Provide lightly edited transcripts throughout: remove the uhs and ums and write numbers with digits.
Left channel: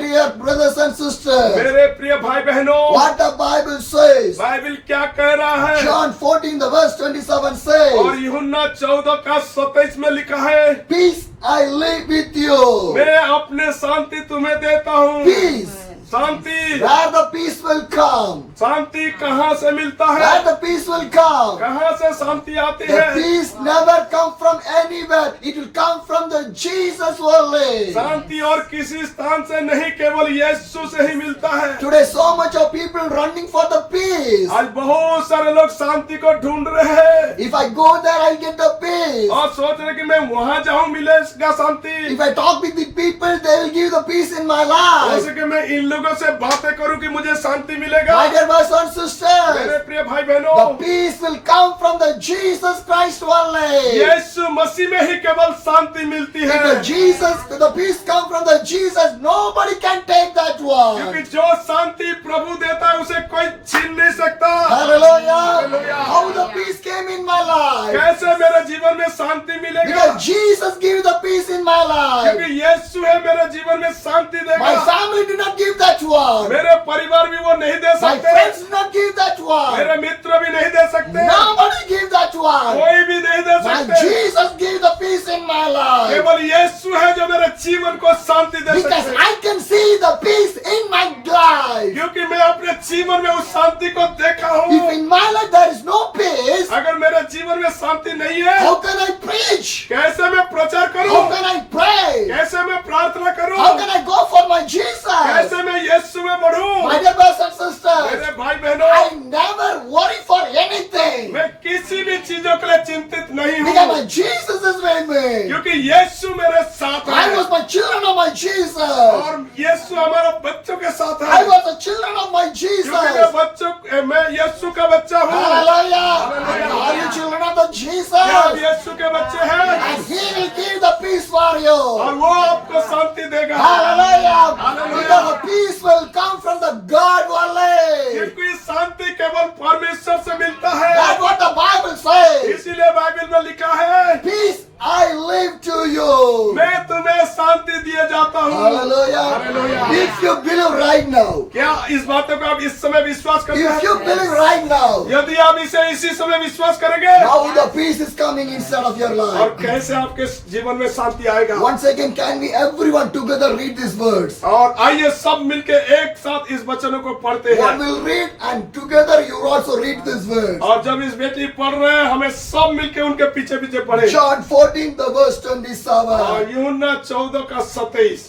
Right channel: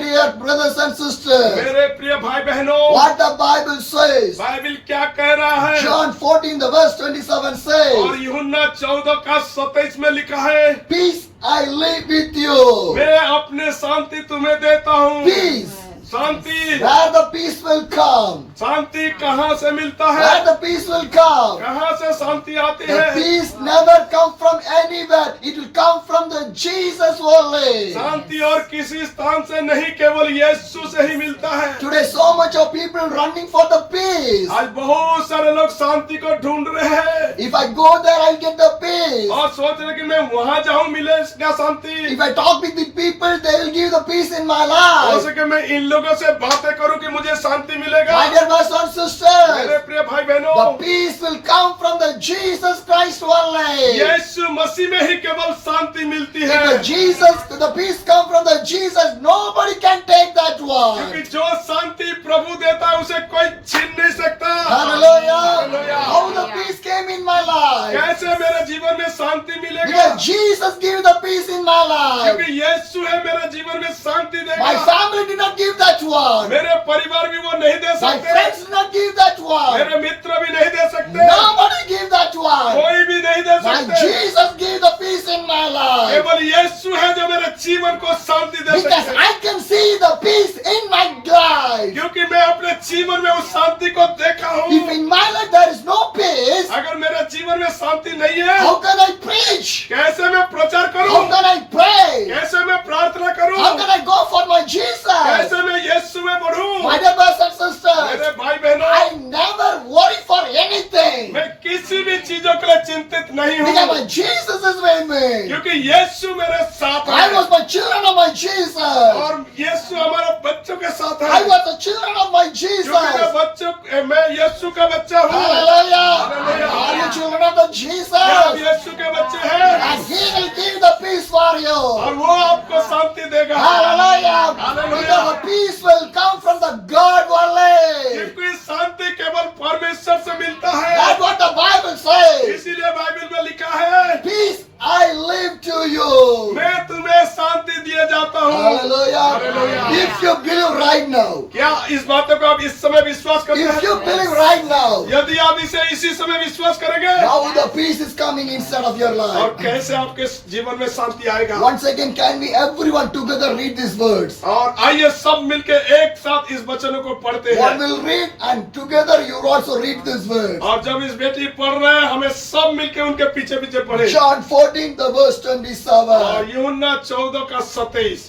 dear brothers and sisters, मेरे प्रिय भाई बहनों, what the Bible says. Bible क्या कह रहा है? John 14, the verse 27 और says, यूहन्ना 14 का 27 में लिखा है, peace I live with you. मैं अपने शांति तुम्हें देता हूँ। Peace. Shanti, Where the peace will come. शांति कहाँ से मिलता है? Where the peace will come. कहाँ से शांति आती The है? peace never come from anywhere. It will come from the Jesus only. शांति और किसी स्थान से नहीं, केवल यीशु से ही मिलता है। Today so much of people running for the peace. आज बहुत सारे लोग शांति को ढूंढ रहे हैं If I go there, I'll get the peace. और सोच रहे कि मैं वहां जाऊं, मिलेगा शांति। If I talk with the people, they will give the peace in my हो life. सके मैं इन लोगों से बातें करूं कि मुझे शांति मिलेगा। My dear brothers and मेरे sisters, प्रिय भाई बहनों, the peace will come from the Jesus Christ only. यीशु मसीह में ही केवल शांति मिलती है। If the peace come from the Jesus, nobody can take that क्योंकि one. जो शांति प्रभु देता है उसे कोई छीन नहीं सकता। Hallelujah. Hallelujah. How the peace came in my life. कैसे मेरे जीवन में शांति मिलेगा? Because Jesus gave the peace in my life. क्योंकि यीशु है मेरे जीवन में शांति My देगा। family did not give that one. मेरे परिवार भी वो नहीं दे My सकते, friends did not give that one. मेरे मित्र भी नहीं दे सकते, Nobody gave that one. कोई भी नहीं दे My सकते। Jesus gave the peace in my life. केवल यीशु है जो मेरे जीवन को शांति दे Because सकते हैं। I can see the peace in my life. क्योंकि मैं अपने जीवन में उस शांति को देखा If हूँ। in my life there is no peace, अगर मेरे जीवन में शांति नहीं है, how can I preach? कैसे मैं प्रचार How करूं? can I pray? कैसे मैं प्रार्थना करूं? How can I go for my Jesus? कैसे मैं यीशु में बढ़ूं? My dear brothers and sisters, मेरे भाई बहनों, I never worry for anything. मैं किसी भी चीजों के लिए चिंतित नहीं Because हूँ, my Jesus is with me. क्योंकि यीशु मेरे साथ I है was my children of my Jesus. और यीशु हमारे बच्चों के साथ I है। was the children of my Jesus. क्योंकि मैं यीशु का बच्चा हूँ। Hallelujah. Hallelujah. Are you children of the Jesus? क्या आप यीशु के बच्चे हैं? And He will give the peace for you. और वो आपको शांति देगा। Hallelujah. Hallelujah. Because the peace will come from the God only. क्योंकि शांति केवल परमेश्वर से मिलता है। That's what the Bible says. इसीलिए बाइबल में लिखा है, Peace I live to you. मैं तुम्हें शांति दिए जाता हूँ। Hallelujah. Hallelujah. If you believe right now, क्या इस बातों को आप इस समय विश्वास करते if you हैं? believe right now, यदि आप इसे इसी समय विश्वास करेंगे, now the peace is coming inside of your और life. कैसे आपके जीवन में शांति आएगा? Once again, can we everyone together read these words? और आइए सब मिलके एक साथ इस वचनों को पढ़ते One हैं। will read and together you also read these words. और जब इस बेटी पढ़ रहे हैं, हमें सब मिलके उनके पीछे पीछे पढ़े। John 14, the verse और 27. यूहन्ना 14 का 27,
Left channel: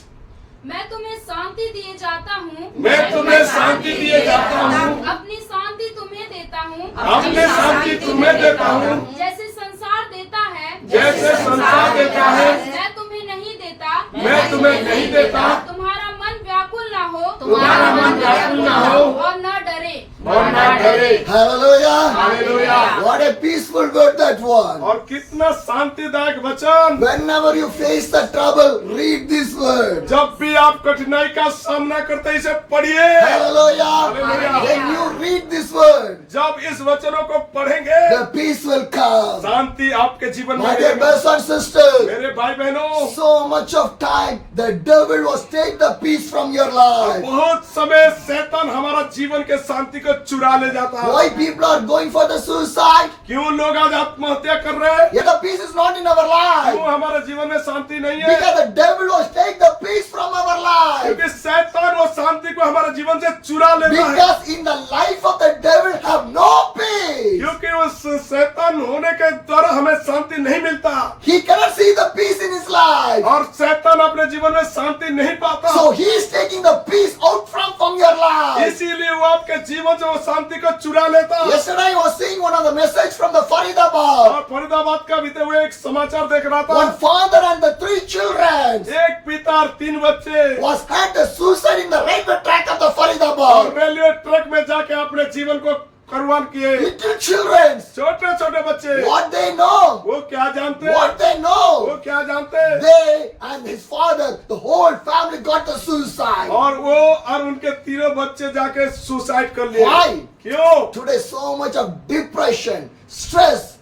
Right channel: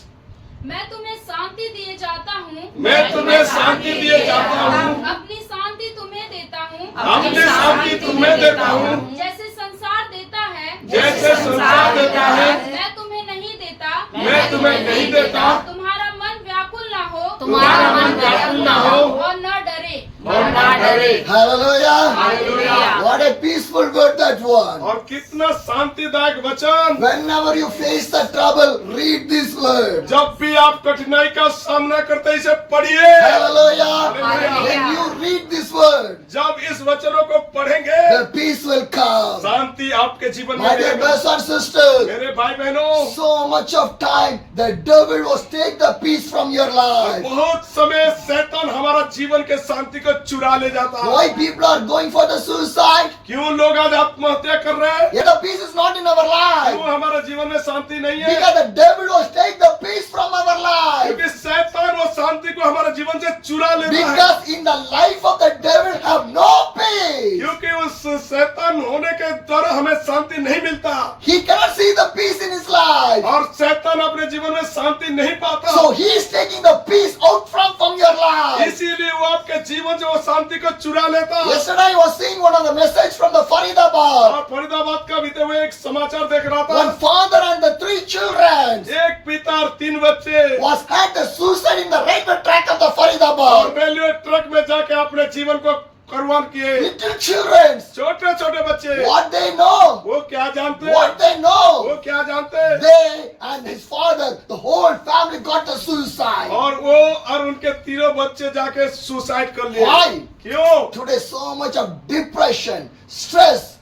मैं तुम्हें शांति दिए जाता हूँ। मैं तुम्हें शांति दिए जाता हूँ, अपनी शांति तुम्हें देता हूँ। अपनी शांति तुम्हें देता हूँ, जैसे संसार देता है, जैसे संसार देता है, मैं तुम्हें नहीं देता। मैं तुम्हें नहीं देता। तुम्हारा मन व्याकुल ना हो, तुम्हारा मन व्याकुल ना हो और न डरे। और ना डरे। Hallelujah. Hallelujah. What a peaceful word that one. और कितना शांतिदायक वचन। Whenever you face the trouble, read this word. जब भी आप कठिनाई का सामना करते हैं, इसे पढ़िए। Hallelujah. Hallelujah. When you read this word, जब इस वचनों को पढ़ेंगे, the peace will come. शांति आपके जीवन में My dear मिलेगा। brothers and sisters, मेरे भाई बहनों, so much of time the devil was take the peace from your life. बहुत समय शैतान हमारा जीवन के शांति को चुरा ले जाता है। Why people are going for the suicide? क्यों लोग आज आत्महत्या कर रहे हैं? Yet the peace is not in our life. क्यों हमारे जीवन में शांति नहीं है? Because the devil was take the peace from our life. क्योंकि शैतान वो शांति को हमारे जीवन से चुरा लेता है। Because in the life of the devil have no peace. क्योंकि उस शैतान होने के द्वारा हमें शांति नहीं मिलता He cannot see the peace in his life. और शैतान अपने जीवन में शांति नहीं पाता। So he is taking the peace out from your life. इसीलिए वो आपके जीवन से वो शांति को चुरा लेता है। Yesterday I was seeing one of the message from the Faridabad. और फरीदाबाद का बीते हुए एक समाचार देख रहा था। One father and the 3 children एक पिता और 3 बच्चे was had the suicide in the railway track of the और Faridabad. रेलवे ट्रक में जाके अपने जीवन को कुर्बान किए। Little children, छोटे छोटे बच्चे, what they know? वो क्या जानते? What they वो know? क्या जानते? They and his father, the whole family got the suicide. और वो और उनके तीनों बच्चे जाके सुसाइड कर लिए। Why? क्यों? Today so much of depression, stress,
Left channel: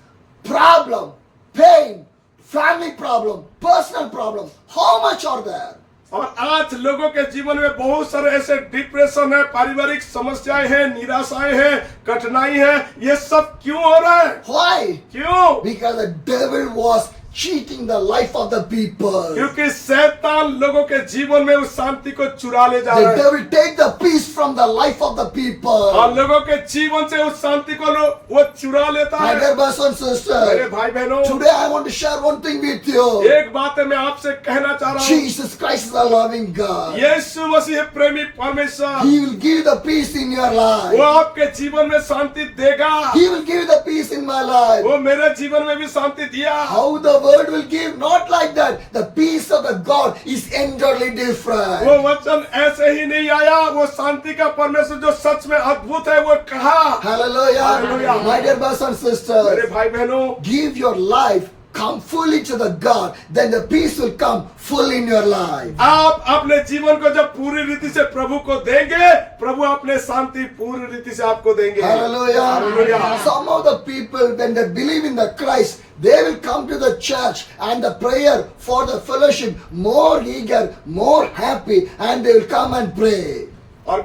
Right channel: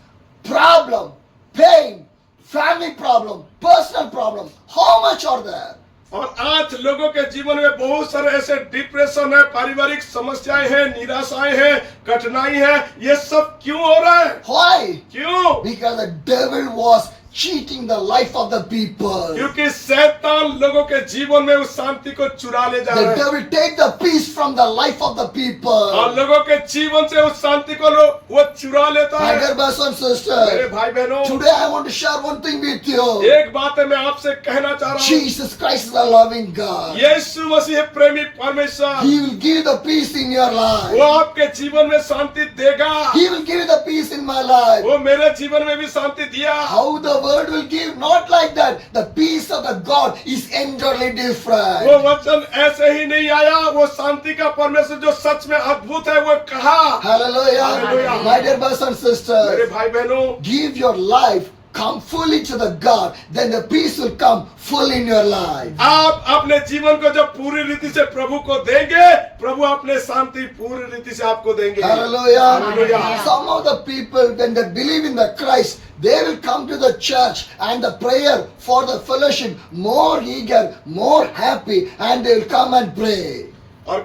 problem, pain, family problem, personal problem. How much are there? और आज लोगों के जीवन में बहुत सारे ऐसे डिप्रेशन है, पारिवारिक समस्याएं हैं, निराशाएं हैं, कठिनाई है। ये सब क्यों हो रहा है? Why? क्यों? Because the devil was cheating the life of the people. क्योंकि शैतान लोगों के जीवन में उस शांति को चुरा ले जा The रहा है devil take the peace from the life of the और people. लोगों के जीवन से उस शांति को वो चुरा लेता My है। dear brothers and मेरे sisters, भाई बहनों, today I want to share one thing with you. एक बात है मैं आपसे कहना चाह रहा हूँ। Jesus Christ is a loving God. यीशु मसीह प्रेमी परमेश्वर, He will give the peace in your वो life. आपके जीवन में शांति देगा। He will give the peace in my life. वो मेरे जीवन में भी शांति दिया। How the world will give? Not like that. The peace of the God is entirely वो different. वचन ऐसे ही नहीं आया, वो शांति का परमेश्वर जो सच में अद्भुत है वो कहा। Hallelujah. Hallelujah. My dear brothers and मेरे sisters, भाई बहनों, give your life, come fully to the God, then the peace will come full in your life. आप अपने जीवन को जब पूरी रीति से प्रभु को देंगे, प्रभु अपने शांति पूरी रीति से आपको देंगे। Hallelujah. Hallelujah. Some of the people, when they believe in the Christ, they will come to the church and the prayer for the fellowship more eager, more happy, and they will come and pray. और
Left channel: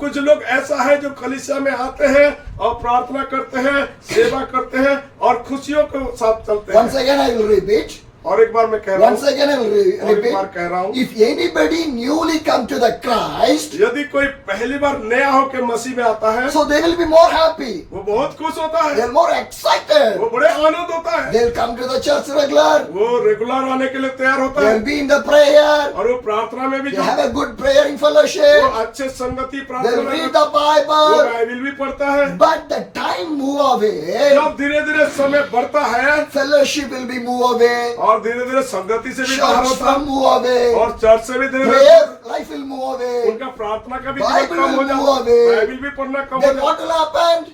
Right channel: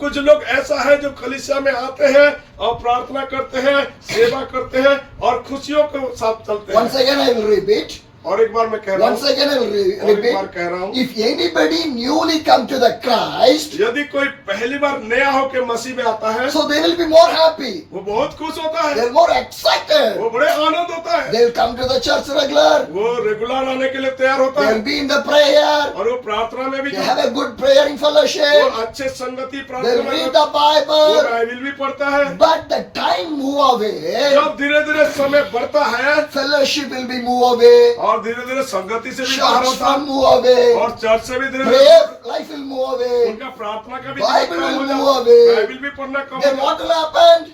कुछ लोग ऐसा है जो कलीसिया में आते हैं और प्रार्थना करते हैं, सेवा करते हैं और खुशियों के साथ चलते Once हैं। again I will repeat. और एक बार मैं कह रहा Once हूँ, again I will और एक बार repeat. कह रहा हूँ, If anybody newly come to the Christ, यदि कोई पहली बार नया होकर मसीह में आता है, so they will be more happy. वो बहुत खुश होता है, They are more excited. वो बड़े आनंद होता है, They will come to the church regular. वो रेगुलर आने के लिए तैयार होता They है will be in the prayer. और वो प्रार्थना में भी They जो have a good praying वो fellowship. अच्छे संगति They प्रार्थना will में read the वो Bible. बाइबल भी पढ़ता है। But the time move away. जब धीरे धीरे समय बढ़ता है Fellowship will be move away. और धीरे धीरे संगति से भी बाहर Church होता है will move away. और चर्च से भी धीरे धीरे Prayer life will move away. उनका प्रार्थना का भी Bible जीवन कम हो will जाता move है, away. बाइबल भी पढ़ना कम हो Then जाता what will happen?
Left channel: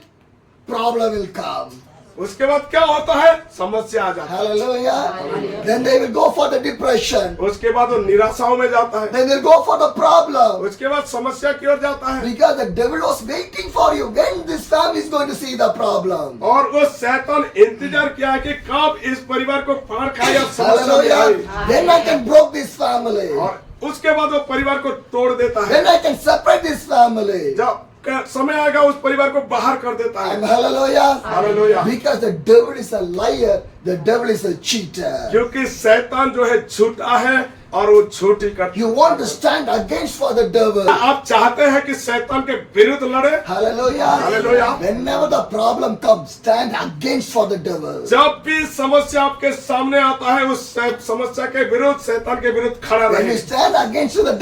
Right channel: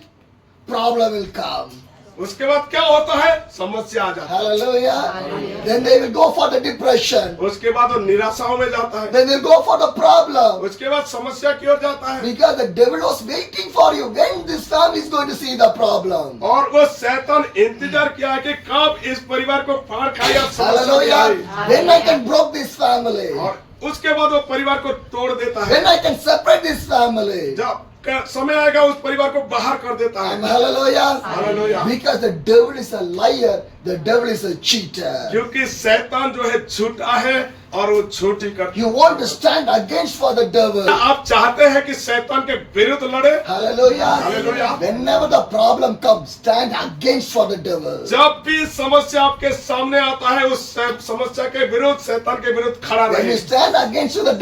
Problem will come. है। उसके बाद क्या होता है? समस्या आ जाती Hallelujah. Then they will go for the depression. है। उसके बाद वो निराशाओं में जाता है। Then they'll go for the problem. उसके बाद समस्या की ओर जाता है Because the devil was waiting for you when this family is going to see the problem. और वो शैतान इंतजार किया है कि कब इस परिवार को फाड़ खाए या समस्या में आए। Hallelujah. Then I can break this family. और उसके बाद वो परिवार को तोड़ देता है। Then I can separate this family. जब समय आएगा उस परिवार को बाहर कर देता And है। hallelujah. Hallelujah. Because the devil is a liar, the devil is a cheater. क्योंकि शैतान जो है झूठा है और वो झूठी करता You want to stand against for the devil. है। आप चाहते हैं कि शैतान के विरुद्ध लड़े। Hallelujah. Hallelujah. Whenever the problem comes, stand against for the devil. जब भी समस्या आपके सामने आता है उस समस्या के विरुद्ध, शैतान के विरुद्ध खड़ा When you रहे। stand against the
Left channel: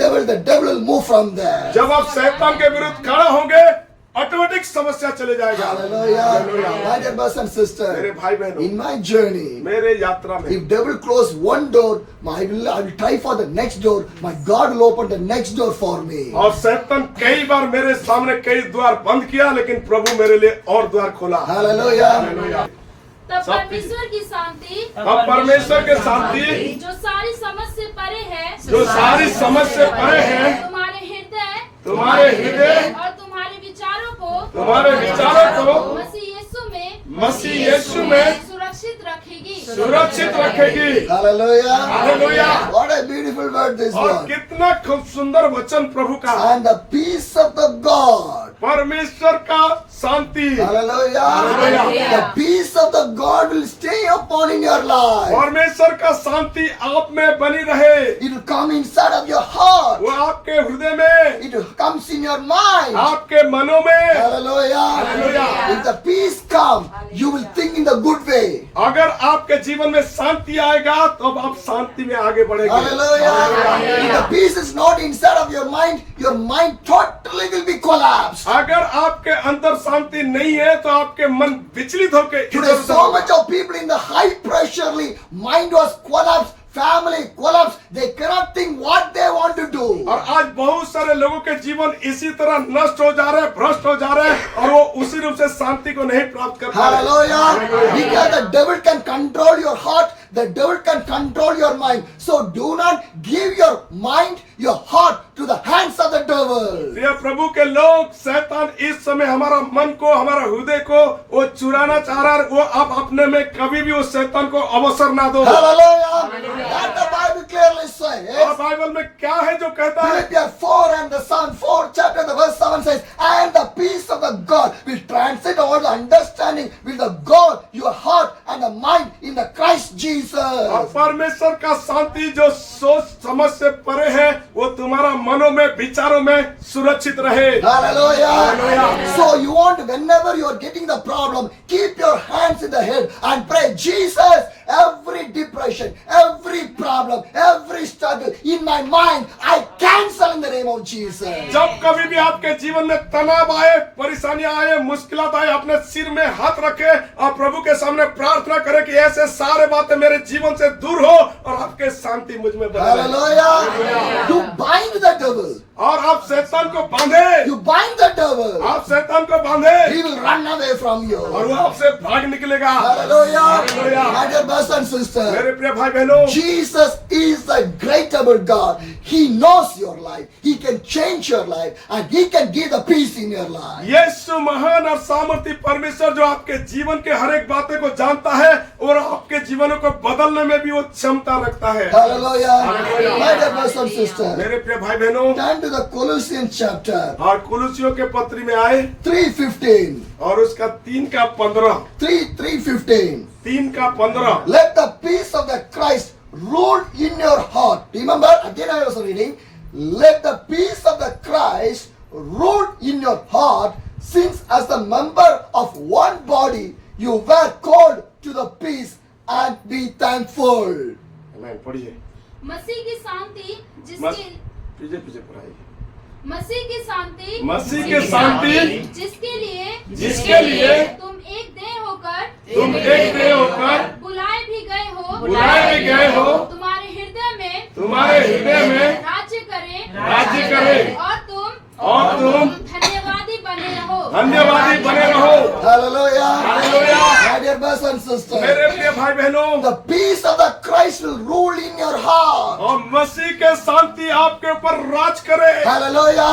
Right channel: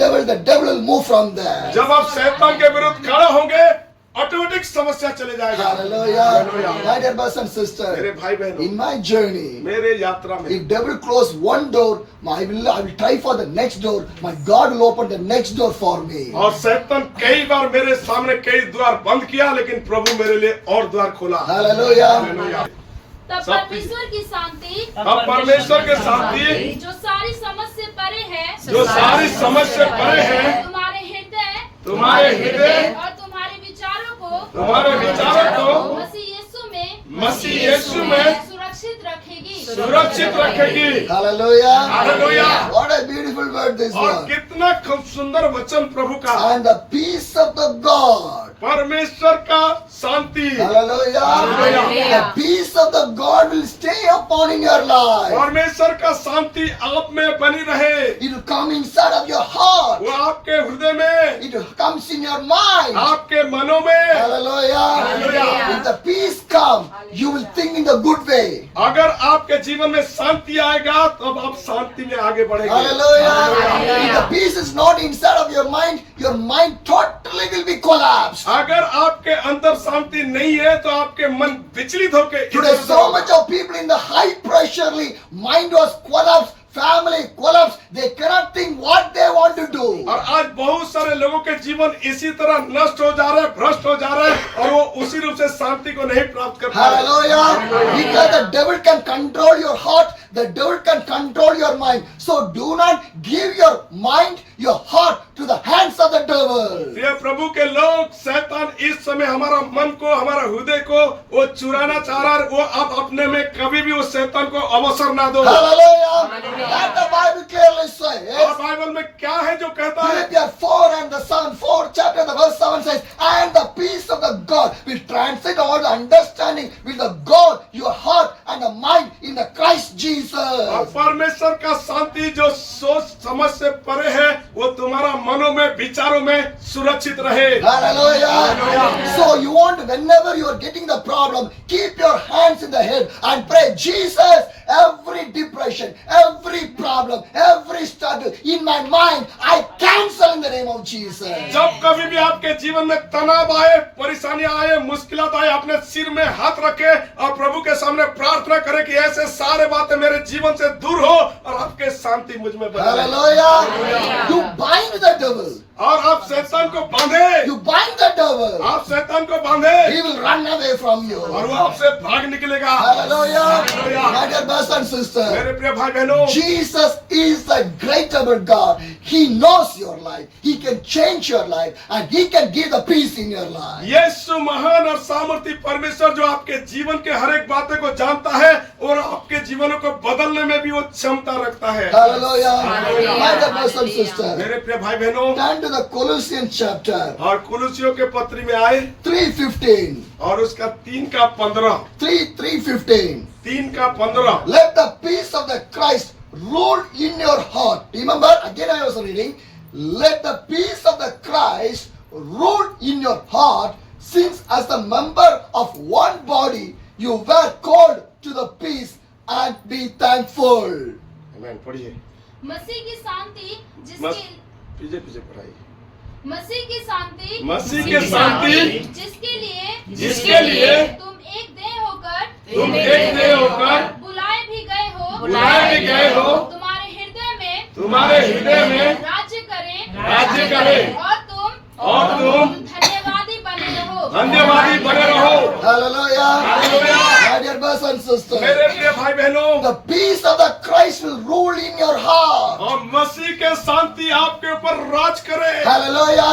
devil will move from there. जब आप शैतान के विरुद्ध खड़ा होंगे, ऑटोमेटिक समस्या चले जाएगा। Hallelujah. Hallelujah. My dear brothers and मेरे sisters, भाई बहनों, in my journey, मेरे यात्रा में if devil close one door, I will try for the next door. My God will open the next door for me. और शैतान कई बार मेरे सामने कई द्वार बंद किया, लेकिन प्रभु मेरे लिए और द्वार खोला। Hallelujah. हालेलुया। तब सब परमेश्वर की शांति अब परमेश्वर के शांति जो सारी समझ से परे है, जो सारी समझ से परे है, तुम्हारे हृदय तुम्हारे हृदय और तुम्हारे विचारों को तुम्हारे विचारों को मसीह यीशु में सुरक्षित रखेगी। सुरक्षित रखेगी। Hallelujah. Hallelujah. What a beautiful word this और one. कितना खूब सुंदर वचन प्रभु का। And the peace of the God. परमेश्वर का शांति, Hallelujah. Hallelujah. The peace of the God will stay upon in your life. परमेश्वर का शांति आप में बनी रहे। It will come inside of your heart. वो आपके हृदय में, It comes in your mind. आपके मनों में। Hallelujah. Hallelujah. If the peace come, you will think in the good way. अगर आपके जीवन में शांति आएगा तो अब आप शांति में आगे बढ़ेंगे। Hallelujah. If the peace is not inside of your mind totally will be collapsed. अगर आपके अंदर शांति नहीं है तो आपके मन विचलित होकर Today, so much of people in the high pressure mind was collapsed, family collapsed. They cannot think what they want to do. और आज बहुत सारे लोगों के जीवन इसी तरह नष्ट हो जा रहे हैं, भ्रष्ट हो जा रहे हैं और वो उसी रूप से शांति को नहीं प्राप्त कर पा रहे। Hallelujah. Because the devil can control your heart, the devil can control your mind. So do not give your mind, your heart to the hands of the devil. प्रिय प्रभु के लोग, शैतान इस समय हमारा मन को, हमारा हृदय को वो चुराना चाह रहा है। वो आप अपने में कभी भी उस शैतान को अवसर ना दो। Hallelujah. That the Bible clearly says. और बाइबल में क्या है जो कहता है? Philippians 4 and the 4th chapter, the verse 7 says, and the peace of the God will transcend all the understanding, will the God your heart and the mind in the Christ और Jesus. परमेश्वर का शांति जो सोच समझ से परे है, वो तुम्हारा मनों में, विचारों में सुरक्षित रहे। Hallelujah. So you want, whenever you are getting the problem, keep your hands in the head and pray, Jesus, every depression, every problem, every struggle in my mind, I cancel in the name of Jesus. जब कभी भी आपके जीवन में तनाव आए, परेशानियां आए, मुश्किलात आए, अपने सिर में हाथ रखे और प्रभु के सामने प्रार्थना करें कि ऐसे सारे बातें मेरे जीवन से दूर हो और आपके शांति मुझ में बने रहे। Hallelujah. You bind the devil. और आप शैतान को बांधे, You bind the devil. आप शैतान को बांधे He will run away from you. और वो आपसे भाग निकलेगा। Hallelujah. My dear brothers and sisters, मेरे प्रिय भाई बहनों, Jesus is the great able God. He knows your life. He can change your life and He can give the peace in your life. यीशु महान और सामर्थी परमेश्वर जो आपके जीवन के हर एक बातें को जानता है और आपके जीवनों को बदलने में भी वो क्षमता रखता है। Hallelujah. Hallelujah. My dear brothers and sisters, मेरे प्रिय भाई बहनों, turn to the Colossians chapter और कुलुसियों के पत्री में आए 3:15. और उसका 3:15, 3:15. 3:15। Let the peace of the Christ rule in your heart. Remember, again I was reading. Let the peace of the Christ rule in your heart, since as the member of one body you were called to the peace, and be thankful. नहीं, पढ़िए, मसीह की शांति मस- जिसके पीछे पीछे पढ़ाइए। मसीह की शांति मसीह की शांति जिसके लिए तुम एक देह होकर बुलाए भी गए हो तुम्हारे हृदय में राज्य करे और तुम धन्यवादी बने रहो। Hallelujah. Hallelujah. My dear brothers and sisters, मेरे प्रिय भाई बहनों, the peace of the Christ will rule in your heart. और मसीह के शांति आपके ऊपर राज करे। Hallelujah.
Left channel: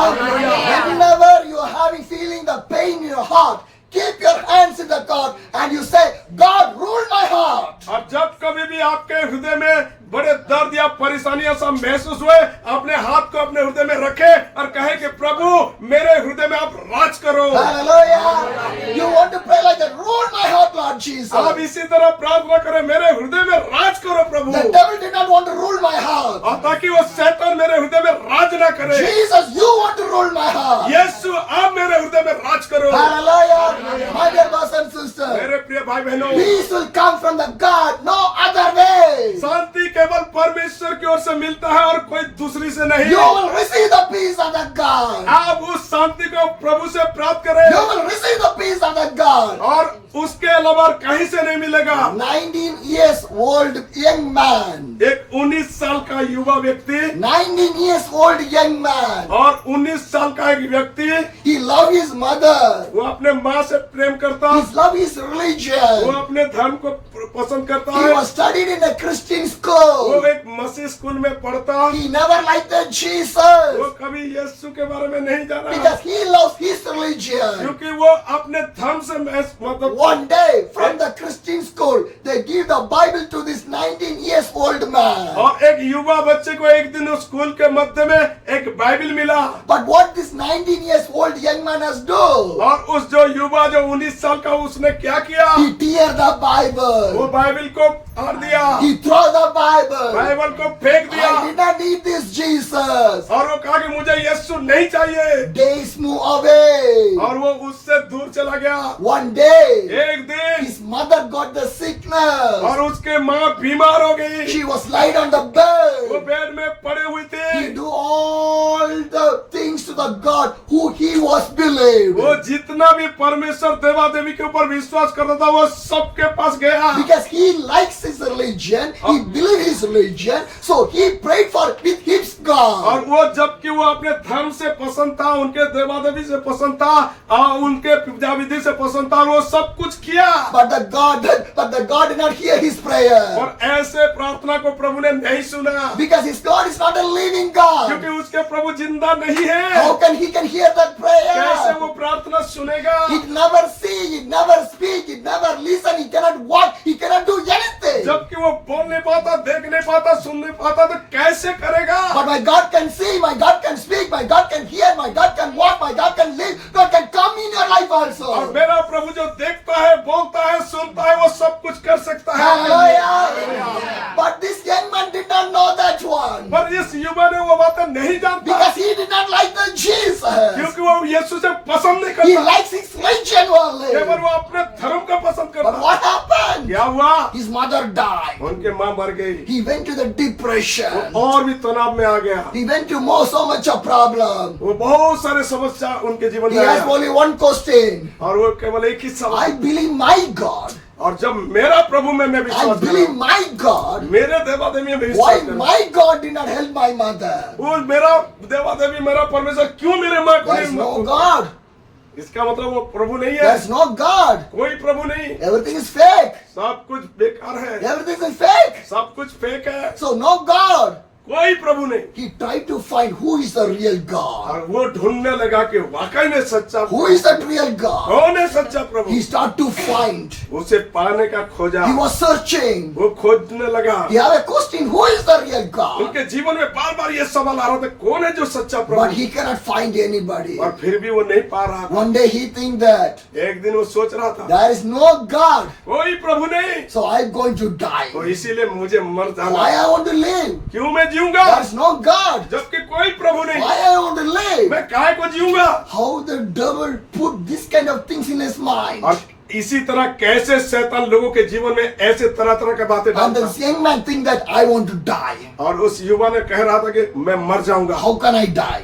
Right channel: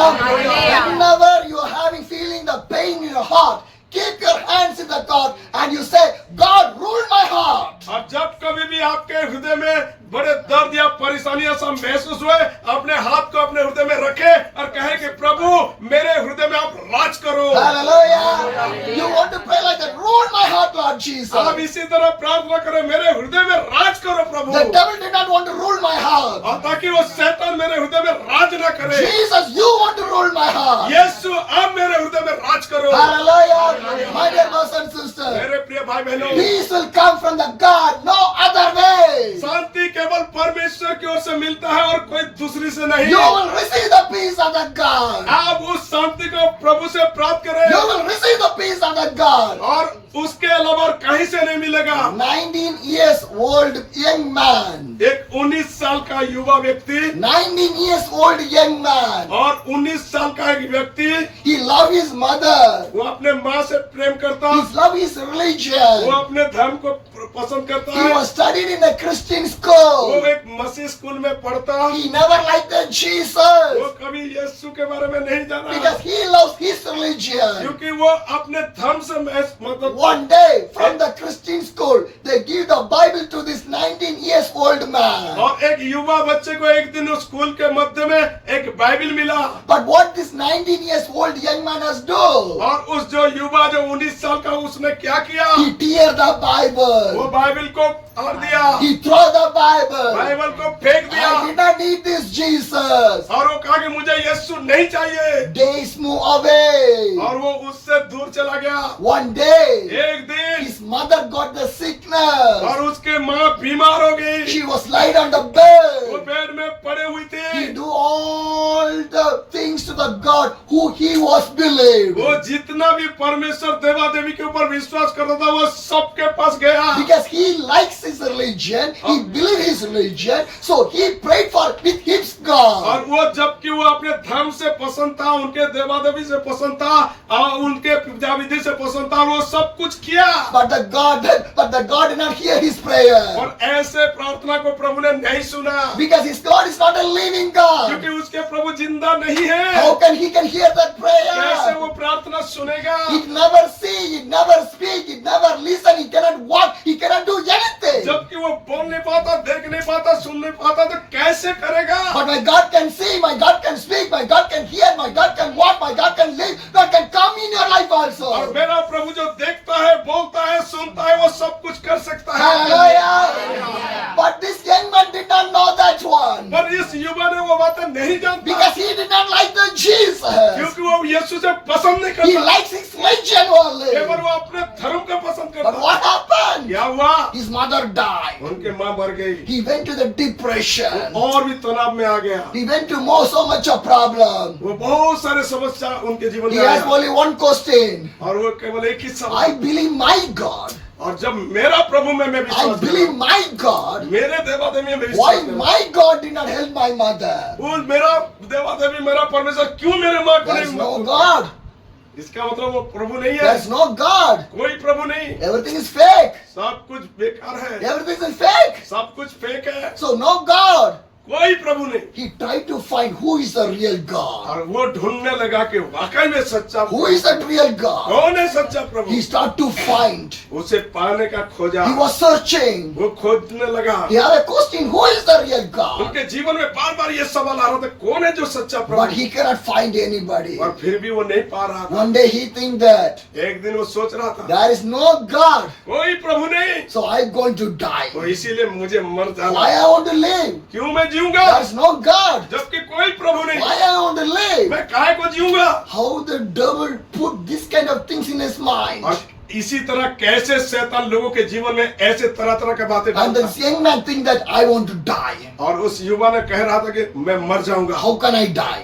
Whenever you are having feeling the pain in your heart, keep your hands in the God and you say, God rule my heart. और जब कभी भी आपके हृदय में बड़े दर्द या परेशानियां सब महसूस हुए, अपने हाथ को अपने हृदय में रखे और कहे कि प्रभु मेरे हृदय में आप राज करो। Hallelujah. You want to pray like that, rule my heart, Lord Jesus. आप इसी तरह प्रार्थना करें, मेरे हृदय में राज करो प्रभु। The devil did not want to rule my heart. और ताकि वो शैतान मेरे हृदय में राज ना करे। Jesus, you want to rule my heart. यीशु आप मेरे हृदय में राज करो। Hallelujah. My dear brothers and sisters, मेरे प्रिय भाई बहनों, peace will come from the God, no other way. शांति केवल परमेश्वर की ओर से मिलता है और कोई दूसरी से नहीं। You will receive the peace of the God. आप उस शांति को प्रभु से प्राप्त करें You will receive the peace of the God. और उसके अलावा कहीं से नहीं मिलेगा। 19 years old young man. एक 19 साल का युवा व्यक्ति 19 years old young man. और 19 साल का एक व्यक्ति, He loved his mother. वो अपने माँ से प्रेम करता, He loved his वो religion. अपने धर्म को पसंद करता He है, was studied in a Christian वो school. एक मसीह स्कूल में पढ़ता, He never liked the वो Jesus कभी यीशु के बारे में नहीं जाना because he loves his religion. क्योंकि वो अपने धर्म से मतलब One day from the Christian school, they give the Bible to this 19 years old man. और एक युवा बच्चे को एक दिन उस स्कूल के मध्य में एक बाइबल मिला But what this 19 years old young man has done? और उस जो युवा जो 19 साल का उसने क्या किया, He tear the वो Bible. बाइबल को फाड़ दिया, He throw the Bible. Bible को फेंक I दिया did not need this Jesus. और वो कहा कि मुझे यीशु नहीं चाहिए Days move away. और वो उससे दूर चला गया। One day, एक दिन his mother got the sickness. और उसके माँ बीमार हो गई, She was laid on the वो bed. बेड में पड़े हुई He थी, do all the things to to the God who he was believed. वो जितना भी परमेश्वर देवा देवी के ऊपर विश्वास करता था वो सबके पास गया। Because he likes his religion, he believes his religion, so he prayed for with his God. और वो जबकि वो अपने धर्म से पसंद था, उनके देवा देवी से पसंद था, उनके पूजा विधि से पसंद था, वो सब कुछ किया। But the God did not hear his prayer. और ऐसे प्रार्थना को प्रभु ने नहीं सुना, Because his God is not a living God. क्योंकि उसके प्रभु जिंदा नहीं है। How can he can hear that कैसे prayer? वो प्रार्थना सुनेगा? He never see, he never speak, he never listen, he cannot walk, he cannot do anything. जबकि वो बोल नहीं पाता, देख नहीं पाता, सुन नहीं पाता, तो कैसे करेगा? But my God can see, my God can speak, my God can hear, my God can walk, my God can live, God can come in your life और also. मेरा प्रभु जो देखता है, बोलता है, सुनता है, वो सब कुछ कर सकता है। Hallelujah. But this young man did not know that one. पर इस युवा ने वो बातें नहीं जानता, Because he did not like the Jesus. क्योंकि वो यीशु से पसंद नहीं He करता, likes his religion only. केवल वो अपने धर्म का पसंद But करता। what happened? क्या हुआ? His mother died. उनके माँ मर गई, He went to the depression. वो और भी तनाव में आ गया, He went to so much of problem. वो बहुत सारे समस्या उनके जीवन He में has आया, only one question. और वो केवल एक ही I सवाल, believe my God. और जब मेरा प्रभु में मैं I विश्वास believe करूं, my God. मेरे देवा देवी में Why विश्वास करूं, my God did not help my mother? वो मेरा देवा देवी मेरा परमेश्वर क्यों मेरे माँ को There is no नहीं? God. इसका मतलब वो प्रभु नहीं There है, is no God. कोई प्रभु नहीं, Everything is fake. सब कुछ बेकार है, Everything is fake. सब कुछ फेक है, So no God. कोई प्रभु नहीं। He tried to find who is the real God. और वो ढूंढने लगा कि वाकई में सच्चा Who is that real God? कौन है सच्चा प्रभु? He started to find. उसे पाने का खोजा, He was searching. वो खोजने लगा। He had a question, who is the real God? उनके जीवन में बार बार ये सवाल आ रहा था, कौन है जो सच्चा But Prabhu? he cannot find anybody. और फिर भी वो नहीं पा रहा था। One day he think that एक दिन वो सोच रहा था, there is no God, कोई प्रभु नहीं, so I'm going to die. तो इसीलिए मुझे मर जाना, Why I want to live? क्यों मैं जीऊंगा There is no God. जबकि कोई प्रभु नहीं, Why I want to live? मैं काहे को जीऊंगा? How the devil put this kind of things in his mind. और इसी तरह कैसे शैतान लोगों के जीवन में ऐसे तरह तरह की बातें And डालता this young man think that I want to die. और उस युवा ने कह रहा था कि मैं मर जाऊंगा। How can I die?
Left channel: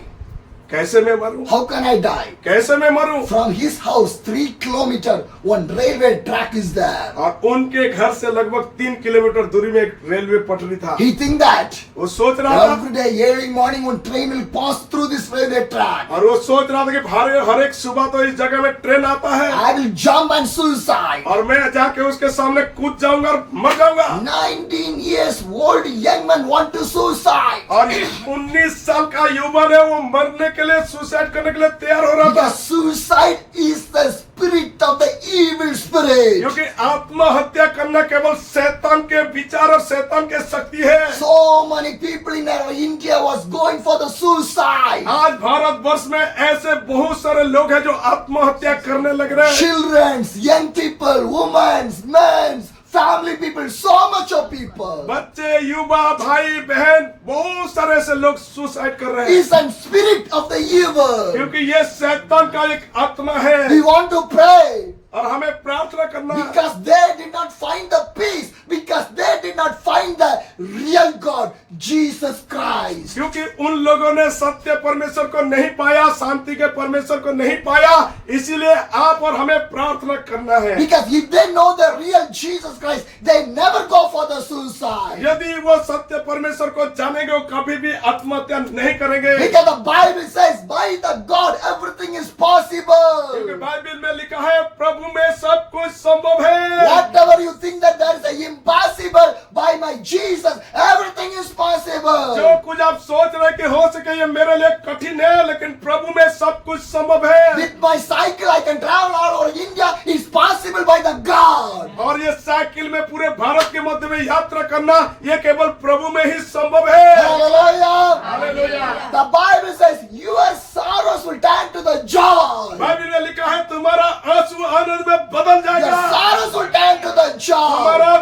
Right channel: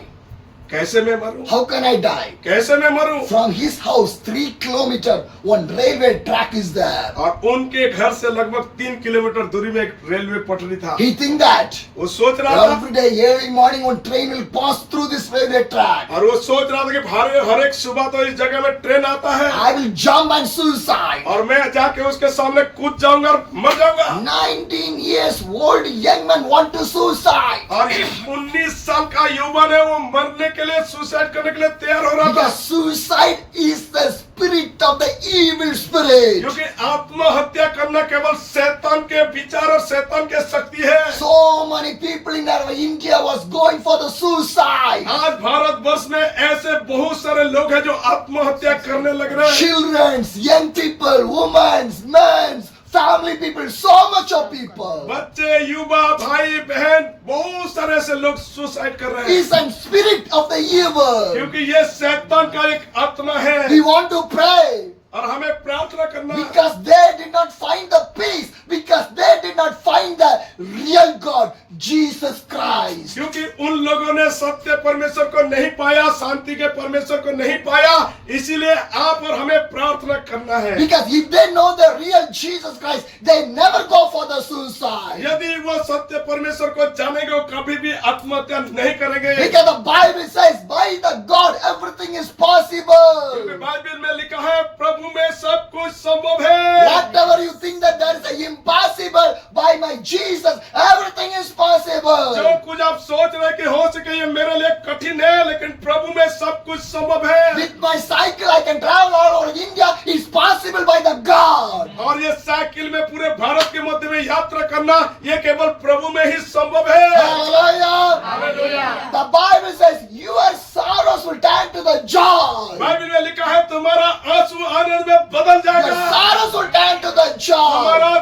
कैसे मैं मरूं? How can I die? कैसे मैं मरूं? From his house 3 kilometers, one railway track is there. और उनके घर से लगभग 3 किलोमीटर दूरी में एक रेलवे पटरी था। He think that वो सोच रहा था, every day early morning one train will pass through this railway track. और वो सोच रहा था कि हर एक सुबह तो इस जगह में ट्रेन आता है I will jump and suicide. और मैं जाके उसके सामने कूद जाऊंगा और मर जाऊंगा। 19 years old young man want to suicide. और 19 साल का युवा ने वो मरने के लिए, सुसाइड करने के लिए तैयार हो रहा था, Because suicide is the spirit of the evil spirit. क्योंकि आत्महत्या करना केवल शैतान के विचार और शैतान के शक्ति है। So many people in our India was going for the suicide. आज भारत वर्ष में ऐसे बहुत सारे लोग हैं जो आत्महत्या करने लग रहे हैं। Children, young people, women, men, family people, so much of people. बच्चे, युवा, भाई बहन, बहुत सारे ऐसे लोग सुसाइड कर रहे हैं, Is a spirit of the evil. क्योंकि ये शैतान का एक आत्मा है। We want to pray. और हमें प्रार्थना करना है, Because they did not find the peace. Because they did not find the real God, Jesus Christ. क्योंकि उन लोगों ने सत्य परमेश्वर को नहीं पाया, शांति के परमेश्वर को नहीं पाया, इसीलिए आप और हमें प्रार्थना करना है। Because if they know the real Jesus Christ, they never go for the suicide. यदि वो सत्य परमेश्वर को जानेंगे, वो कभी भी आत्महत्या नहीं करेंगे, Because the Bible says, by the God, everything is क्योंकि possible. बाइबल में लिखा है प्रभु में सब कुछ संभव है। Whatever you think that there is a impossible, by my Jesus, everything is जो possible. कुछ आप सोच रहे कि हो सके ये मेरे लिए कठिन है, लेकिन प्रभु में सब कुछ संभव है। With my cycle, I can travel all over India. It's possible by the God. और ये साइकिल में पूरे भारत के मध्य में यात्रा करना, ये केवल प्रभु में ही संभव है। Hallelujah. Hallelujah. The Bible says, your sorrows will turn to the joy. Bible में लिखा है तुम्हारा आंसू आनंद में बदल Your जाएगा, sorrows will turn to the joy. तुम्हारा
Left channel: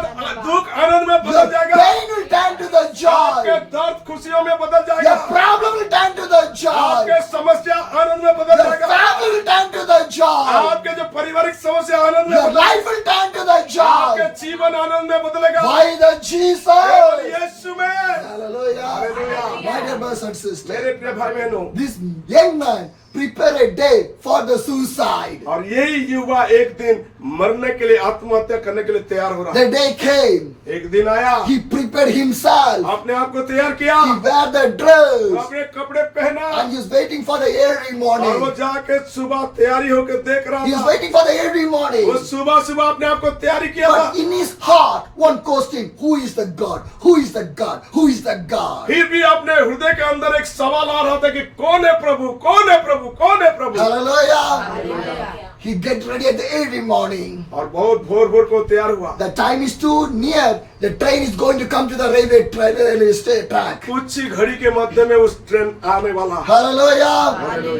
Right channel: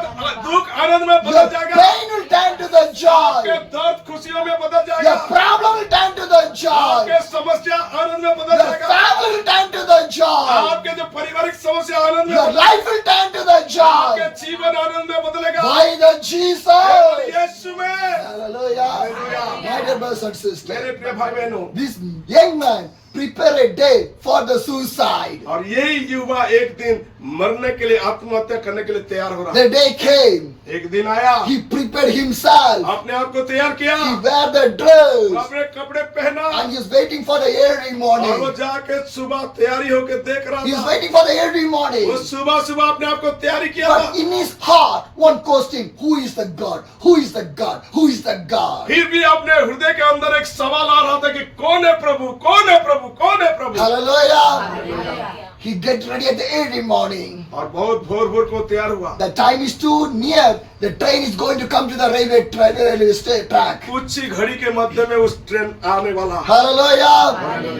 दुख आनंद में Your बदल जाएगा, pain will turn to the आपके joy. दर्द खुशियों में बदल Your जाएगा, problem will turn to the joy. आपके समस्या आनंद में बदल Your जाएगा। family will turn to the joy. आपके जो पारिवारिक समस्या आनंद में Your बदल- life will turn to the आपके joy. जीवन आनंद में बदलेगा। By the केवल Jesus. यीशु में। Hallelujah. Hallelujah. My dear brothers and मेरे sisters, प्रिय भाई बहनों, this young man prepared a day for the suicide. और यही युवा एक दिन मरने के लिए, आत्महत्या करने के लिए तैयार हो रहा है। The day came. एक दिन आया, He prepared himself. अपने आप को तैयार किया, He wear the dress. अपने कपड़े पहना, And he's waiting for the early और वो morning. जाके सुबह तैयारी होके देख रहा He's था। waiting for the early morning. वो सुबह सुबह अपने आप को तैयारी किया था। But in his heart, one question, who is the God? Who is the God? Who is the God? फिर भी अपने हृदय के अंदर एक सवाल आ रहा था कि कौन है प्रभु, कौन है प्रभु, कौन है प्रभु। Hallelujah. He get ready at the early morning. और बहुत भोर भोर को तैयार हुआ। The time is too near. The train is going to come to the railway track. कुछ ही घड़ी के मध्य में उस ट्रेन आने वाला। Hallelujah.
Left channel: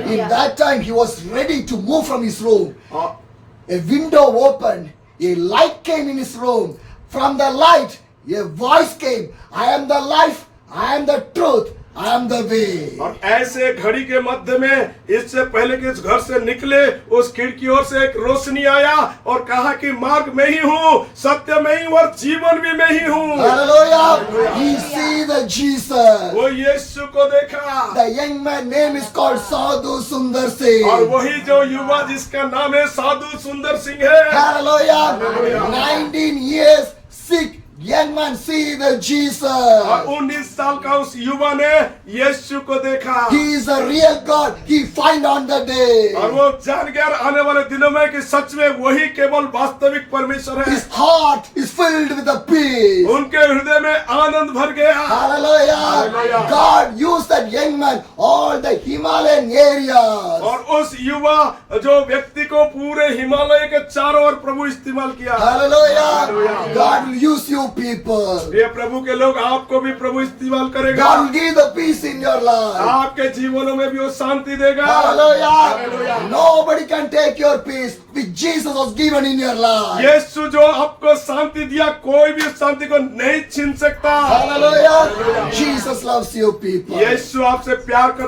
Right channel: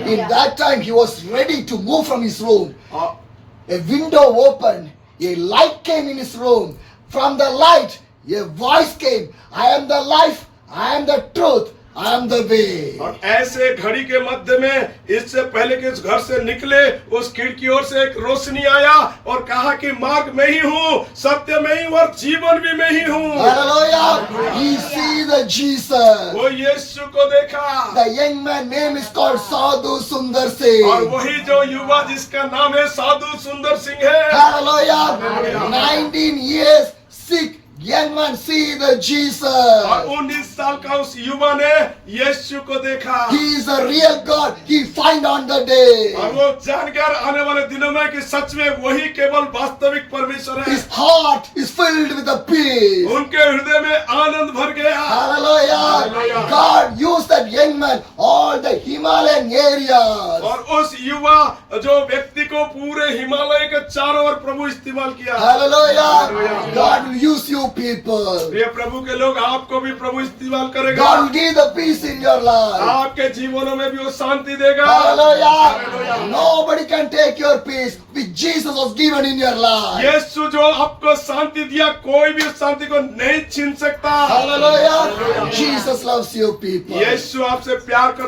In that time, he was ready to move from his room. और A window opened. A light came in his room. From the light, a voice came. I am the life. I am the truth. I am the way. और ऐसे घड़ी के मध्य में, इससे पहले कि इस घर से निकले, उस खिड़की ओर से एक रोशनी आया और कहा कि मार्ग में ही हूँ, सत्य में ही हूँ और जीवन भी मैं ही हूँ। Hallelujah. He see the Jesus. वो यीशु को देखा। The young man name is called Sadhu Sundar और Singh. वही जो युवा जिसका नाम है साधु सुंदर सिंह है। Hallelujah. 19 years sick. Young man see the Jesus. और 19 साल का उस युवा ने यीशु को देखा। He is a real God. He find on the day. और वो जान गया आने वाले दिनों में कि सच में वही केवल वास्तविक परमेश्वर है। His heart is filled with the peace. उनके हृदय में आनंद भर गया। Hallelujah. Hallelujah. God used that young man all the Himalayan areas. और उस युवा जो व्यक्ति को पूरे हिमालय के चारों ओर प्रभु इस्तेमाल किया। Hallelujah. Hallelujah. God will use you people. ये प्रभु के लोग आपको भी प्रभु इस्तेमाल करेगा। God will give the peace in your life. आपके जीवनों में भी वो शांति देगा। Hallelujah. Hallelujah. Nobody can take your peace which Jesus was given in your life. यीशु जो आपको शांति दिया, कोई भी उस शांति को नहीं छीन सकता। Hallelujah. Jesus loves you people. यीशु आपसे प्यार करता